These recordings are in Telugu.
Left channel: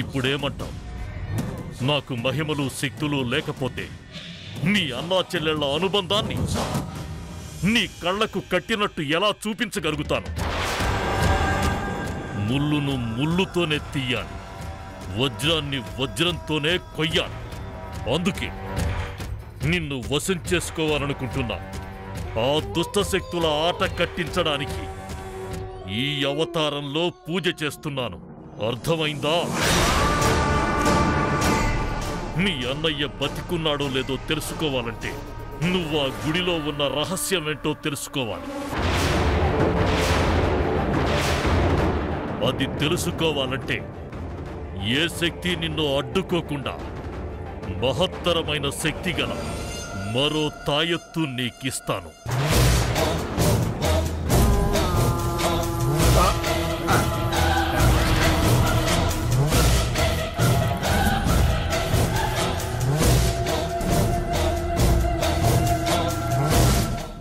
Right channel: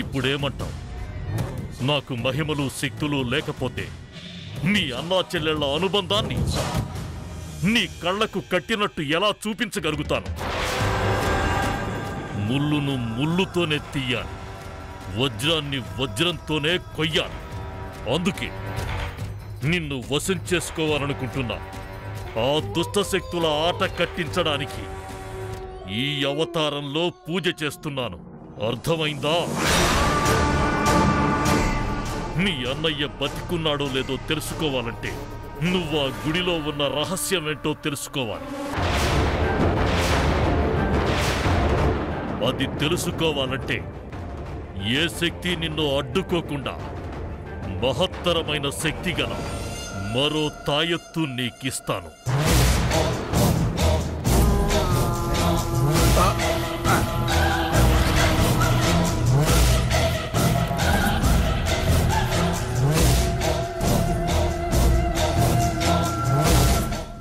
ఇప్పుడేమంటావు? నాకు మహిమలు శక్తులు లేకపోతే నీ అన్నా చెల్లెళ్ల అనుబంధాన్ని నీ కళ్లకు కట్టినట్టు ఎలా చూపించగలుగుతాను? ముల్లును ముల్లుతోనే తీయాలి, వజ్రాన్ని వజ్రంతోనే కొయ్యాలి. అందుకే నిన్ను వశం చేసుకోవాలనుకుంటున్నా. ఆ దుష్టశక్తుల ఆట కట్టించడానికి ఈ అవతారంలో పూజ చేస్తున్నాను. అర్థమైందా? నీ అన్నయ్య బతికున్నాడో లేదో తెలుసుకోవాలంటే నువ్వు ఆ గుడిలో ఉన్న రహస్యమేంటో తెలుసుకోవాలి. అది తెలుసుకోవాలంటే ఏ శక్తి నిన్ను అడ్డుకోకుండా మహత్తరమైన శక్తి గల మరో తాయెత్తు నీకిస్తాను.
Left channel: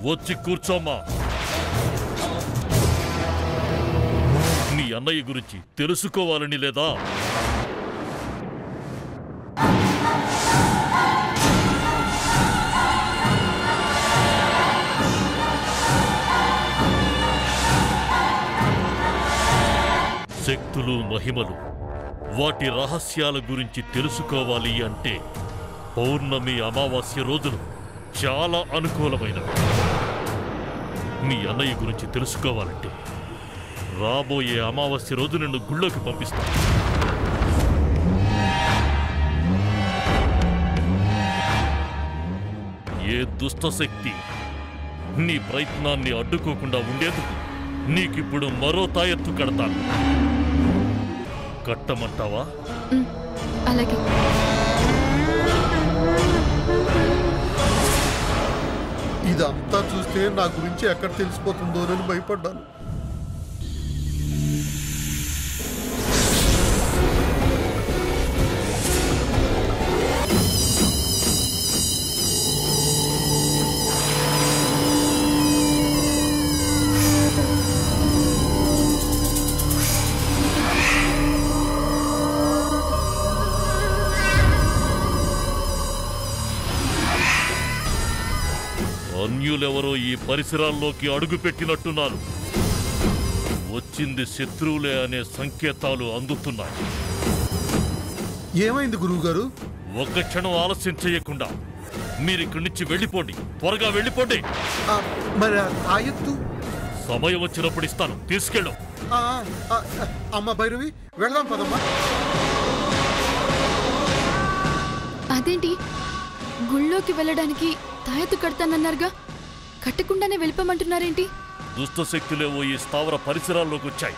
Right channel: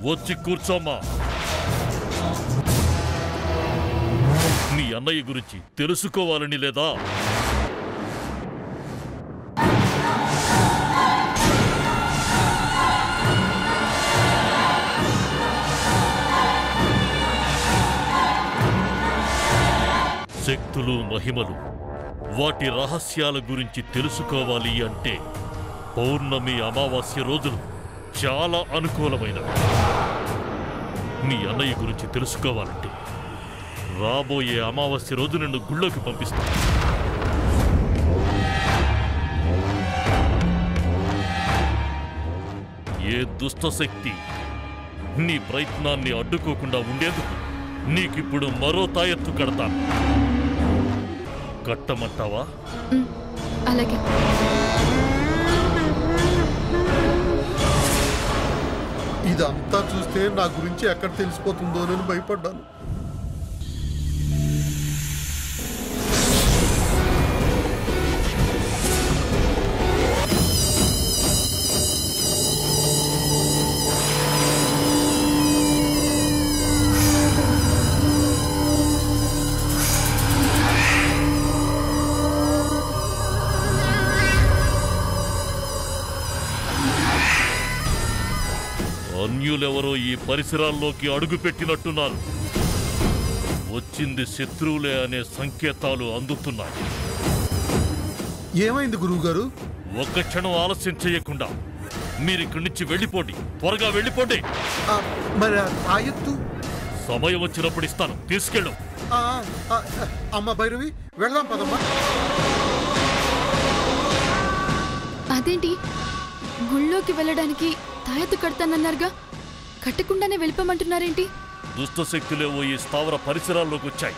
వచ్చి కూర్చోమ్మా. నీ అన్నయ్య గురించి తెలుసుకోవాలని లేదా? శక్తులు మహిమలు వాటి రహస్యాల గురించి తెలుసుకోవాలి అంటే పౌర్ణమి అమావాస్య రోజులు చాలా అనుకూలమైనవి. నీ అన్నయ్య గురించి తెలుసుకోవాలంటే రాబోయే అమావాస్య రోజు నిన్ను గుళ్ళోకి పంపిస్తాను. ఏ దుష్టశక్తి నీ ప్రయత్నాన్ని అడ్డుకోకుండా ఉండేందుకు నీకిప్పుడు మరో తాయెత్తు కడతాను. కట్టమంటావా? అలాగే. ఇదంతా చూస్తే నా గురించి ఎక్కడ తెలిసిపోతుందోనని భయపడ్డాను. అన్యులెవరో ఈ పరిసరాల్లోకి అడుగుపెట్టినట్టున్నారు. వచ్చింది శత్రువులే అనే సంకేతాలు అందుతున్నాయి. ఏమైంది గురువుగారు? ఒక్క క్షణం ఆలస్యం చేయకుండా మీరిక్కడి నుంచి వెళ్ళిపోండి. త్వరగా వెళ్ళిపోండి. మరి తాయెత్తు సమయం వచ్చినప్పుడు ఇస్తాను, తీసుకెళ్ళు. అమ్మ భైరవి, వెళ్దాం పదమ్మా. అదేంటి, గుళ్ళోకి వెళ్ళడానికి తాయెత్తు కడతానన్నారుగా, కట్టకుండానే వెళ్ళిపోమంటున్నారేంటి? దుష్టశక్తులేవో ఈ స్థావర పరిసరాల్లోకి వచ్చాయి.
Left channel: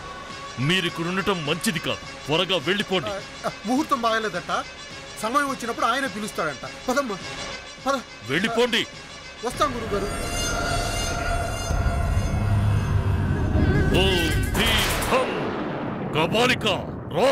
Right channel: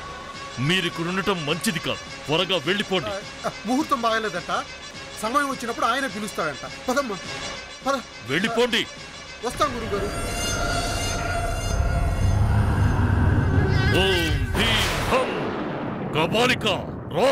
మీరిక్కడుండటం మంచిది కాదు. త్వరగా వెళ్ళిపోండి. ముహూర్తం బాగలేదట, సమయం వచ్చినప్పుడు ఆయన పిలుస్తాడంట. పదమ్మా, పద. వెళ్ళిపోండి. వస్తాం గురుగారు. ఓం భీం హం కబాలిక రా.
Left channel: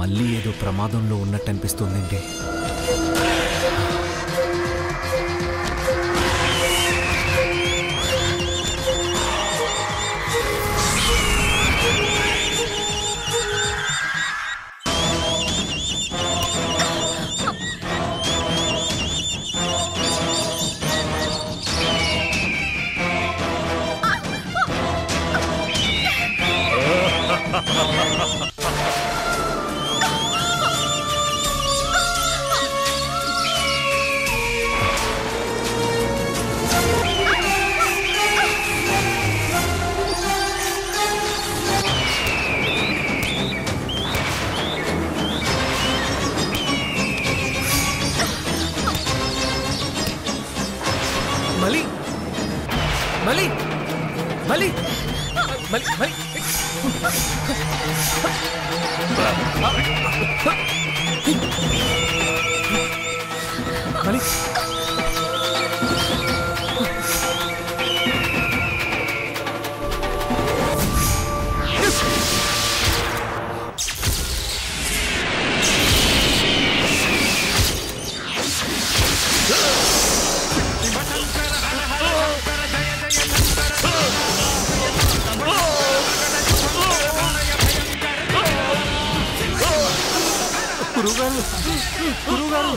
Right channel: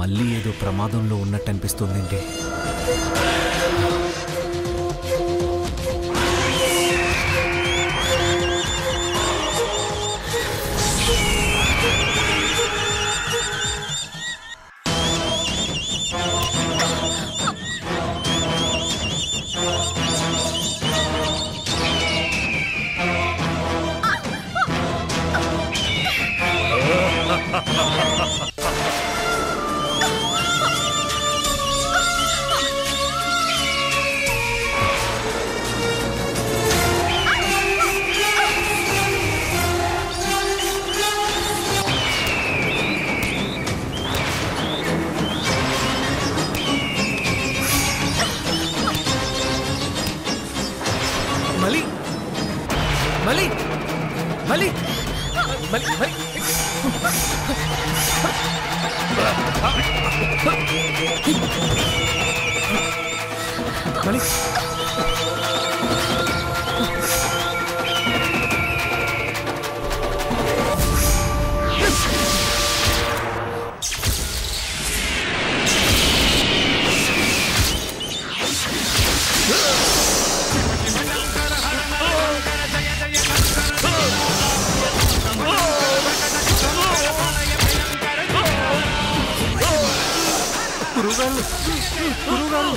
మళ్ళీ ఏదో ప్రమాదంలో ఉన్నట్టు అనిపిస్తుందండి. మలి మలి మలి మలి మలి మలి గురువుగారు గురువుగారు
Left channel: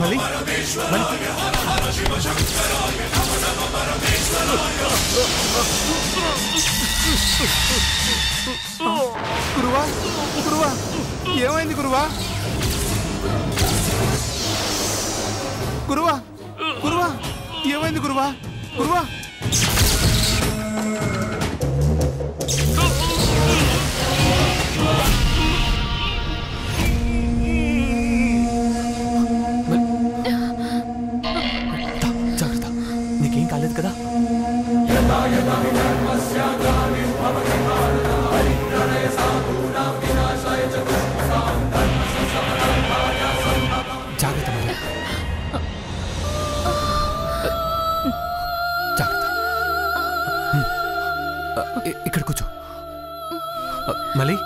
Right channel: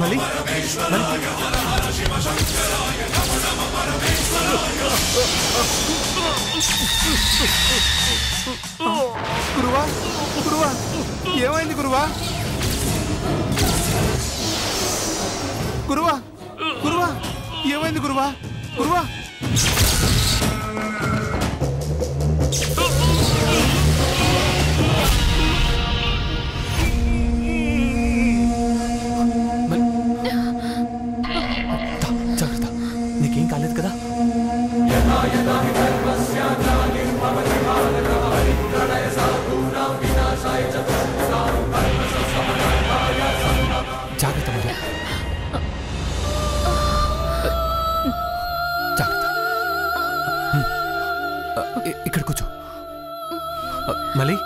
మలి మలి గురువా గురువా ఏమైంది గురువా గురువా గురువా ఏమైంది గురువా గురువా జాగ్రత్త నీకేం కాలేదు కదా జాగ్రత్త మరి ఇక్కడ కూర్చో మళ్ళీ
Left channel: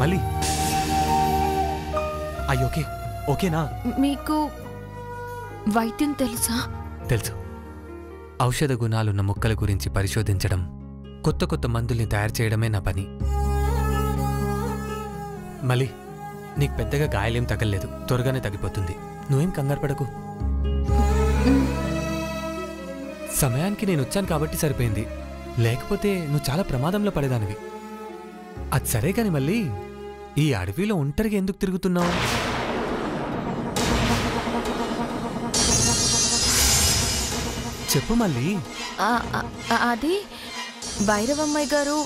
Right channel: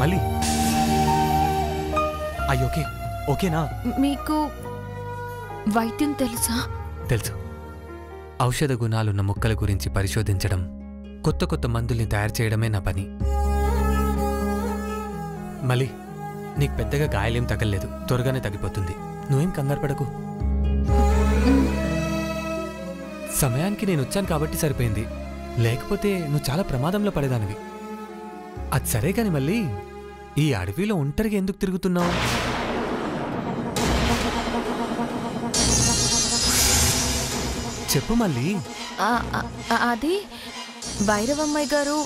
మళ్ళీ అయ్యోకే ఓకేనా? మీకు వైద్యం తెలుసా? తెలుసు. ఔషధ గుణాలున్న మొక్కల గురించి పరిశోధించడం, కొత్త కొత్త మందుల్ని తయారు చేయడమే నా పని. మళ్ళీ నీకు పెద్దగా గాయాలేం తగలలేదు, త్వరగానే తగ్గిపోతుంది. నువ్వేం కంగారు పడకు. సమయానికి నేను వచ్చాను కాబట్టి సరిపోయింది, లేకపోతే నువ్వు చాలా ప్రమాదంలో పడేదానివి. అది సరే కాని మళ్ళీ ఈ అడవిలో ఒంటరిగా ఎందుకు తిరుగుతున్నావు? చెప్పు మళ్ళీ. అది భైరవమ్మాయి గారు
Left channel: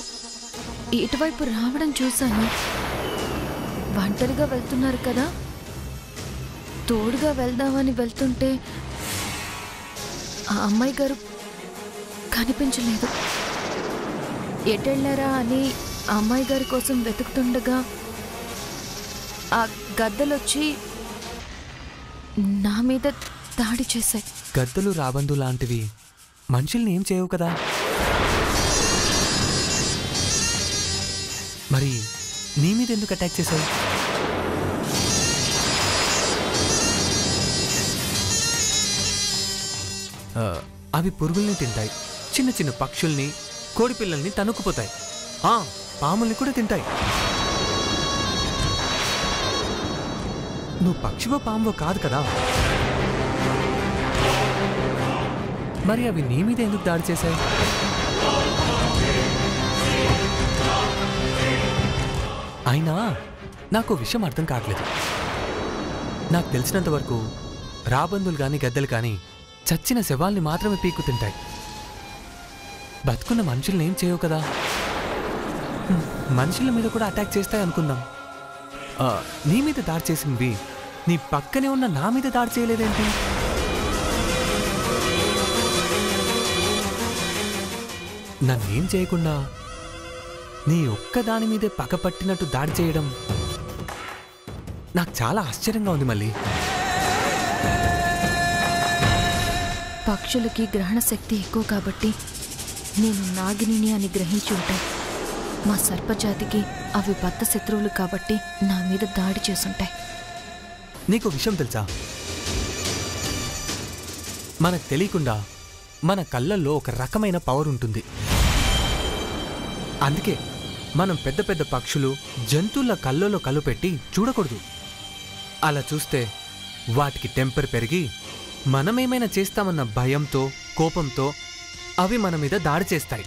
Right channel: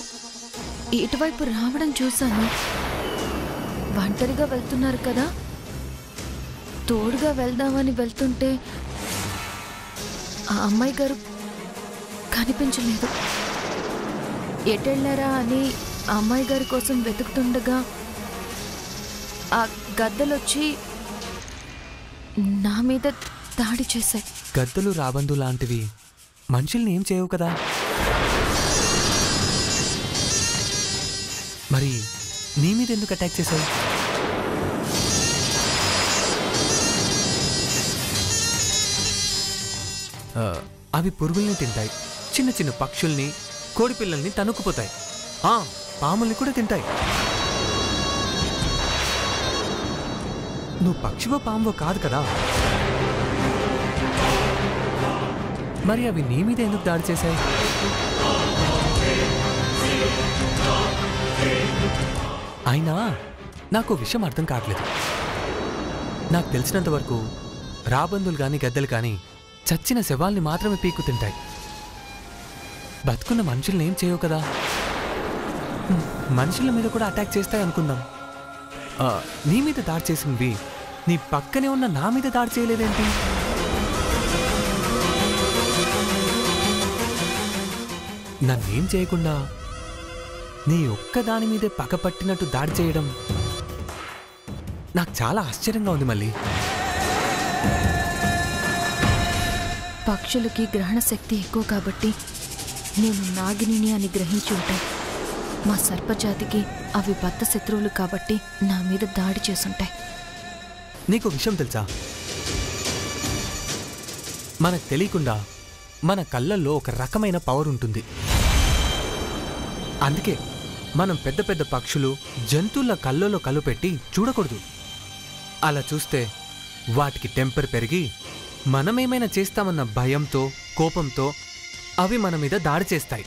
ఇటువైపు రావడం చూశాను. ఒంటరిగా వెళ్తున్నారు కదా, తోడుగా వెళ్దామని వెళ్తుంటే ఆ అమ్మాయి గారు కనిపించలేదు. ఎటెళ్ళారా అని ఆ అమ్మాయి గారి కోసం వెతుకుతుండగా ఆ గద్దలొచ్చి నా మీద దాడి చేశాయి. గద్దలు రాబందు లాంటివి మనుషుల్ని ఏం చేయవు కదా. మరి నీ మీద ఎందుకు అటాక్ చేశాయి? అవి పురుగుల్ని తింటాయి, చిన్న చిన్న పక్షుల్ని, కోడిపిల్లల్ని తనుక్కుపోతాయి, పాముల్ని కూడా తింటాయి. నువ్వు పక్షివో పామువో కాదు కదా, మరి అవి నీ మీద ఎందుకు దాడి చేశాయి? అయినా నాకు విషయం అర్థం కావట్లేదు. నాకు తెలిసినంత వరకు రాబందులు కానీ గద్దలు కానీ చచ్చిన శవాల్ని మాత్రమే పీక్కు తింటాయి. బతుకున్న మనుషుల్ని ఏం చేయవు కదా. మనుషుల మీద కూడా అటాక్ చేస్తాయి అనుకుందాం. నీ మీద దాడి చేసినవి నీ పక్కనే ఉన్న నా మీద దాడి చేయలేదేంటి? నన్నేం చేయకుండా నీ ఒక్క దాని మీదే పగపట్టినట్టు దాడి చేయడం నాకు చాలా ఆశ్చర్యంగా ఉంది. మళ్ళీ పక్షులకి గ్రహణ శక్తి ఎక్కువ కాబట్టి నేను నాగిని అని గ్రహించి ఉంటాయి. మా సర్పజాతికి అవి బద్ధ శత్రువులు కాబట్టి నా మీద దాడి చేసుంటాయి. నీకు విషయం తెలుసా? మనకు తెలియకుండా మన కళ్ళల్లో ఒక రకమైన పవర్ ఉంటుంది. అందుకే మనం పెద్ద పెద్ద పక్షులు జంతువుల కళ్ళల్లో కళ్ళు పెట్టి చూడకూడదు. అలా చూస్తే వాటికి టెంపర్ పెరిగి మనమేమైనా చేస్తామన్న భయంతో కోపంతో అవి మన మీద దాడి చేస్తాయి.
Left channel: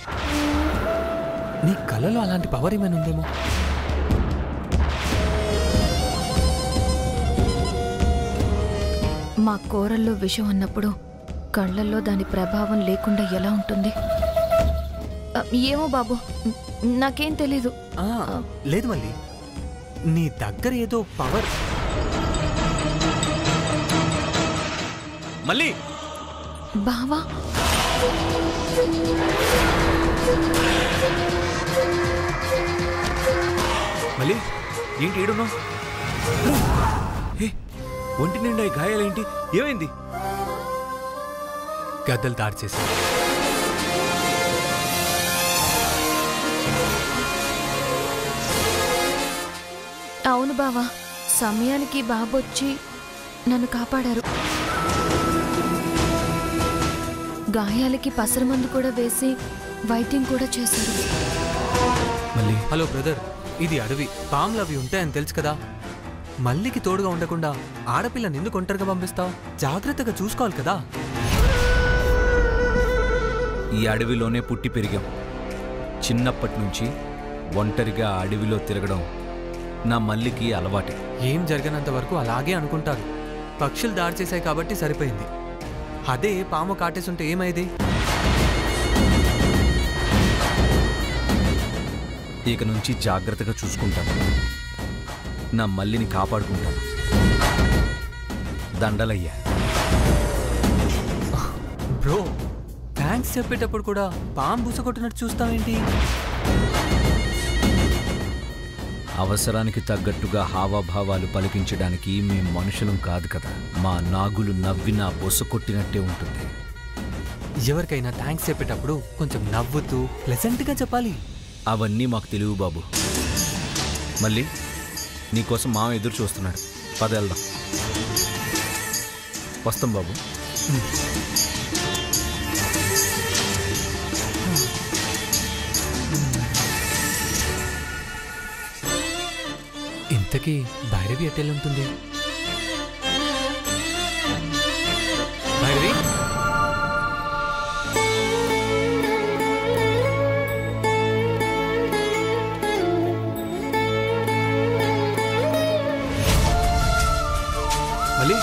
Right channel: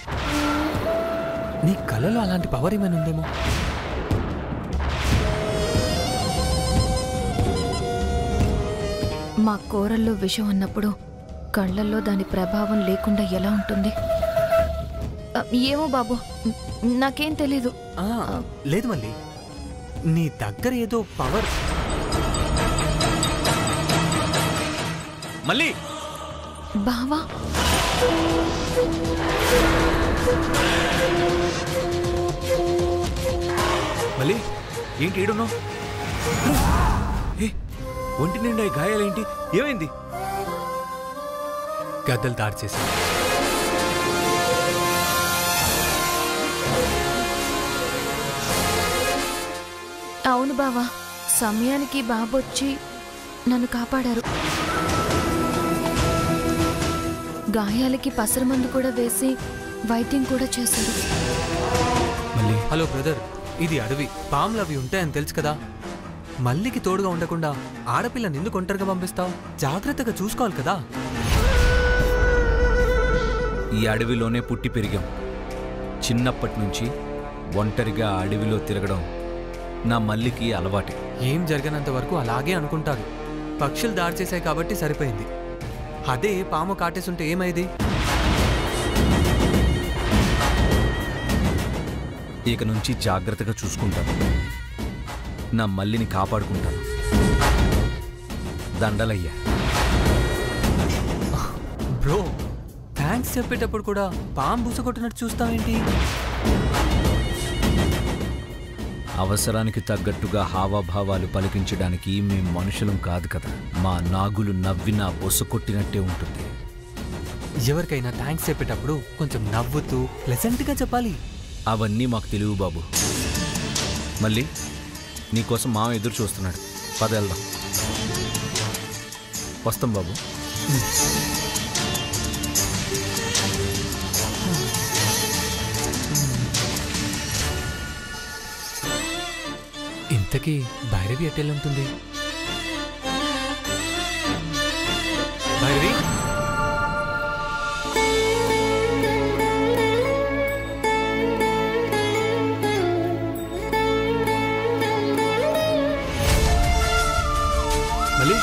నీ కళ్ళలో అలాంటి పవర్ ఏమైనా ఉందేమో? మా కూరల్లో విషం అన్నప్పుడు కళ్ళల్లో దాని ప్రభావం లేకుండా ఎలా ఉంటుంది? ఏమో బాబు, నాకేం తెలీదు. లేదు మళ్ళీ, నీ దగ్గర ఏదో పవర్. మళ్ళీ బావా, మళ్ళీ ఏంటి ఏడున్నావు? ఒంటి నిండా గాయాలేంటి? ఏమైంది? గద్దలు దాడి చేశాను. అవును బావా, సమయానికి బాబొచ్చి నన్ను కాపాడారు. గాయాలకి పసరమందు కూడా వేసి వైద్యం కూడా చేశారు. మళ్ళీ హలో బ్రదర్, ఇది అడవి, పాములు అవి ఉంటాయని తెలుసు కదా. మల్లికి తోడుగా ఉండకుండా ఆడపిల్లని ఎందుకు ఒంటరిగా పంపిస్తావు? జాగ్రత్తగా చూసుకోవాలి కదా. ఈ అడవిలోనే పుట్టి పెరిగాం. చిన్నప్పటి నుంచి ఒంటరిగా అడవిలో తిరగడం నా మల్లికి అలవాటే. ఏం జరిగినంత వరకు అలాగే అనుకుంటారు. పక్షులు దాడి చేశాయి కాబట్టి సరిపోయింది. అదే పాము కాటేసుంటే ఏమైంది? ఇక నుంచి జాగ్రత్తగా చూసుకుంటాను. నా మల్లిని కాపాడుకుంటాను. దండలయ్యా. బ్రో, థ్యాంక్స్ చెప్పేటప్పుడు కూడా పాము బుసకొట్టినట్టు చూస్తావేంటి? అవసరానికి తగ్గట్టుగా హావభావాలు పలికించడానికి మేం మనుషులం కాదు కదా. మా నాగులు నవ్వినా బొస్సు కొట్టినట్టే ఉంటుంది. ఎవరికైనా థ్యాంక్స్ చెప్పేటప్పుడు కొంచెం నవ్వుతూ ప్లెజెంట్గా చెప్పాలి. అవన్నీ మాకు తెలియవు బాబు. మళ్ళీ నీకోసం మామ ఎదురు చూస్తున్నాడు. పద వెళ్దాం. వస్తాం బాబు. ఇంతకీ భైరవి ఎట్టెళ్ళుంటుంది? భైరవి, మళ్ళీ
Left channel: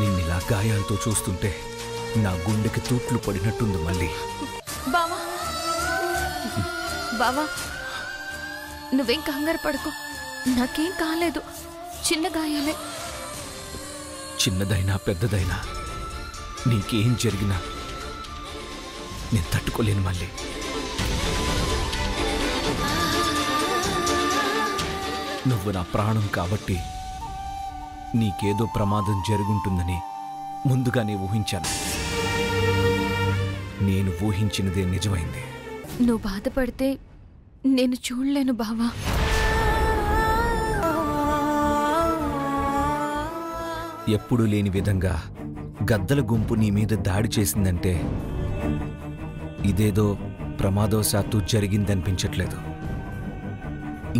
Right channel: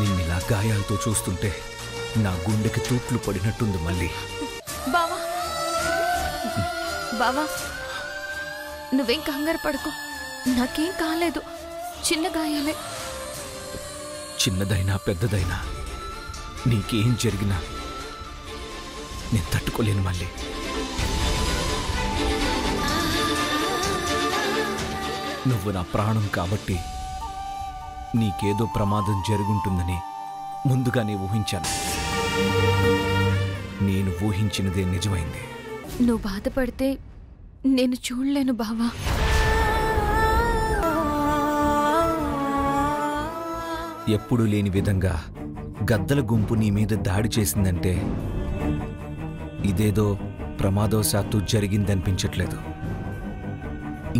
నిన్నిలా గాయాలతో చూస్తుంటే నా గుండెకి తూట్లు పడినట్టుంది. మళ్ళీ బావా, బావా, నువ్వేం కంగారు పడుకో. నాకేం కాలేదు, చిన్న గాయాలే. చిన్నదైనా పెద్దదైనా నీకేం జరిగినా నేను తట్టుకోలేను. మళ్ళీ నువ్వు నా ప్రాణం కాబట్టి నీకేదో ప్రమాదం జరుగుంటుందని ముందుగానే ఊహించాను. నేను ఊహించినదే నిజమైంది. నువ్వు బాధపడితే నేను చూడలేను బావా. ఎప్పుడూ లేని విధంగా గద్దల గుంపు నీ మీద దాడి చేసిందంటే ఇదేదో ప్రమాదవశాత్తు జరిగిందనిపించట్లేదు.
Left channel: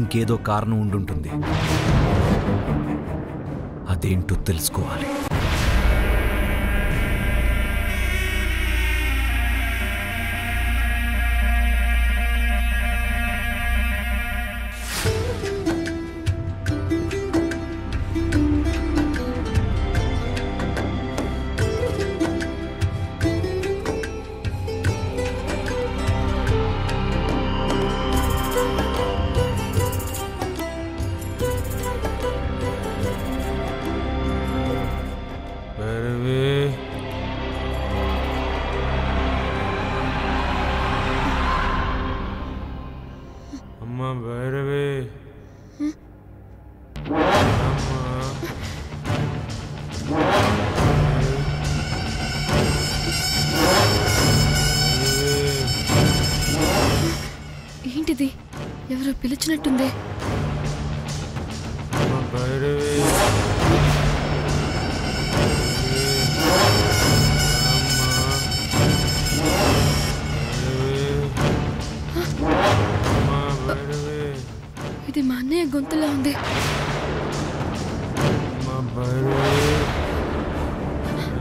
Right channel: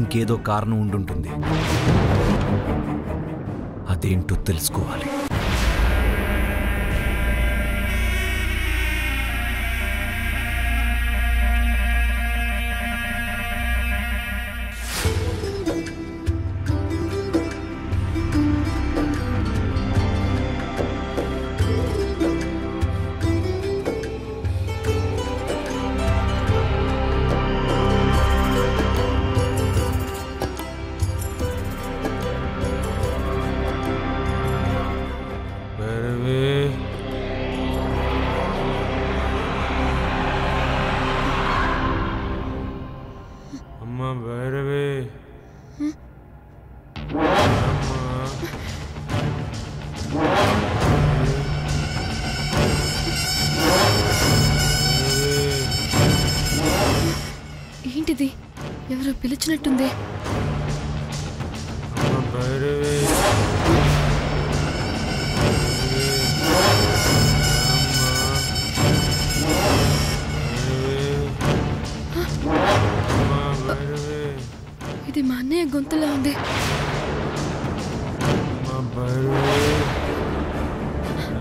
ఇంకేదో కారణం ఉండుంటుంది. అదేంటో తెలుసుకోవాలి. భైరవి అమ్మ భైరవి అమ్మ ఏంటిది? ఎవరో పిలిచినట్టుంది. అమ్మ భైరవి ఇది మా అన్నయ్య గొంతులా ఉంది.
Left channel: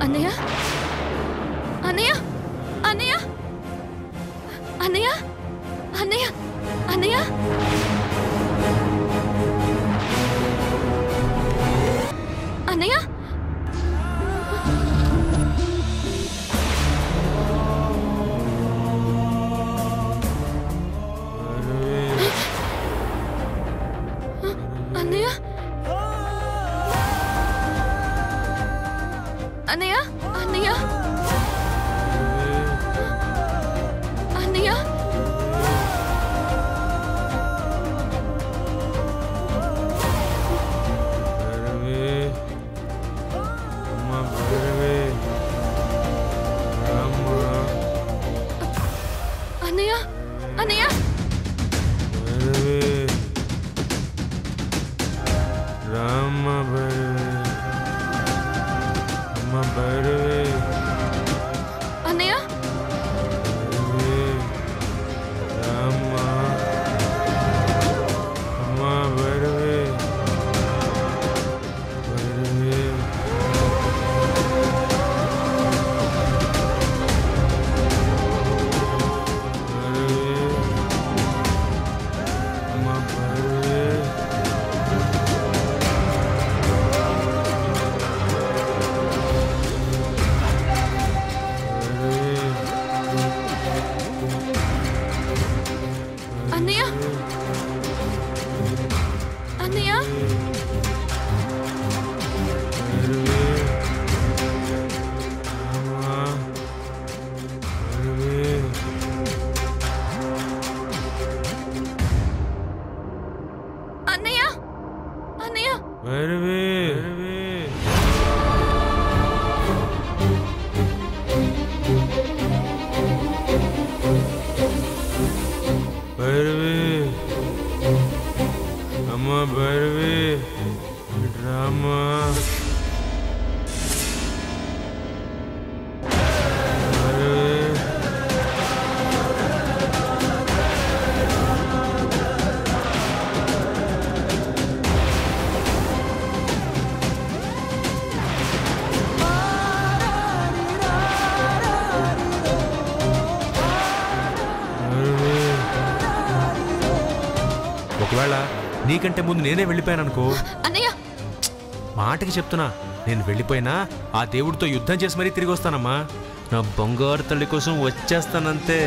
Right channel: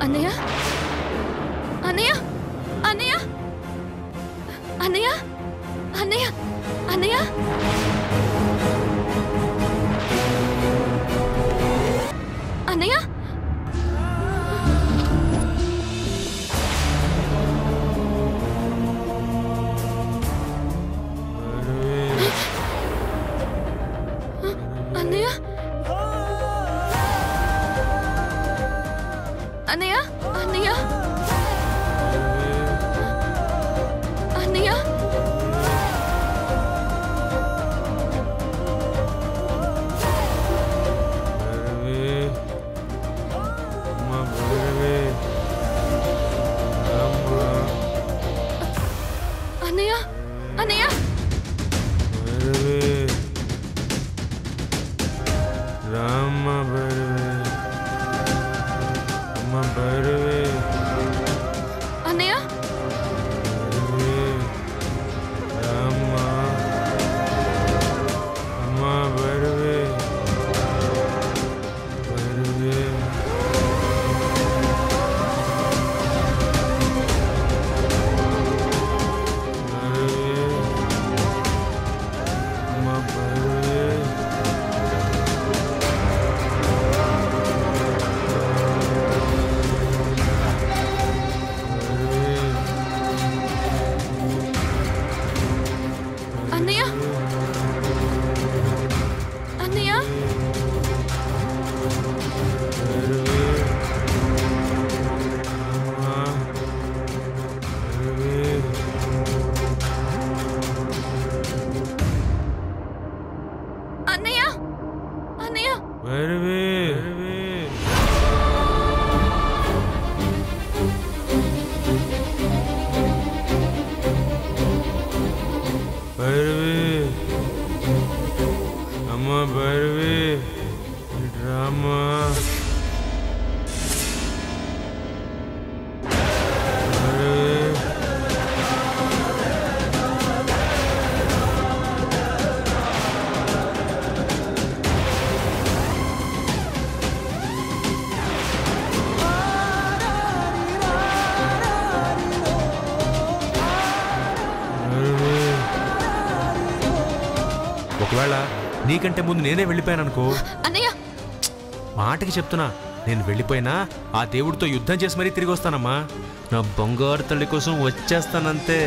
అన్నయ్య అన్నయ్య అన్నయ్య అన్నయ్య అన్నయ్య అన్నయ్య అన్నయ్య అన్నయ్య అన్నయ్య అన్నయ్య అన్నయ్య అన్నయ్య రామ భైరవి అమ్మ భైరవి అన్నయ్య భైరవి రామ అమ్మ భైరవి భైరవి అమ్మ భైరవి అన్నయ్య అన్నయ్య భైరవి అమ్మ భైరవి అన్నయ్య అన్నయ్య భైరవి భైరవి అమ్మ భైరవి డ్రామా భైరవి ఒకవేళ నీకంటే ముందు నేనే వెళ్ళిపోయాననుకో, అన్నయ్య మాటకి చెప్తున్నా, నేను వెళ్ళిపోయినా ఆ దేవుడితో యుద్ధం చేసి మరీ తిరిగి వస్తానమ్మా. నా బంగారు తల్లి కోసం వచ్చేస్తానంతే.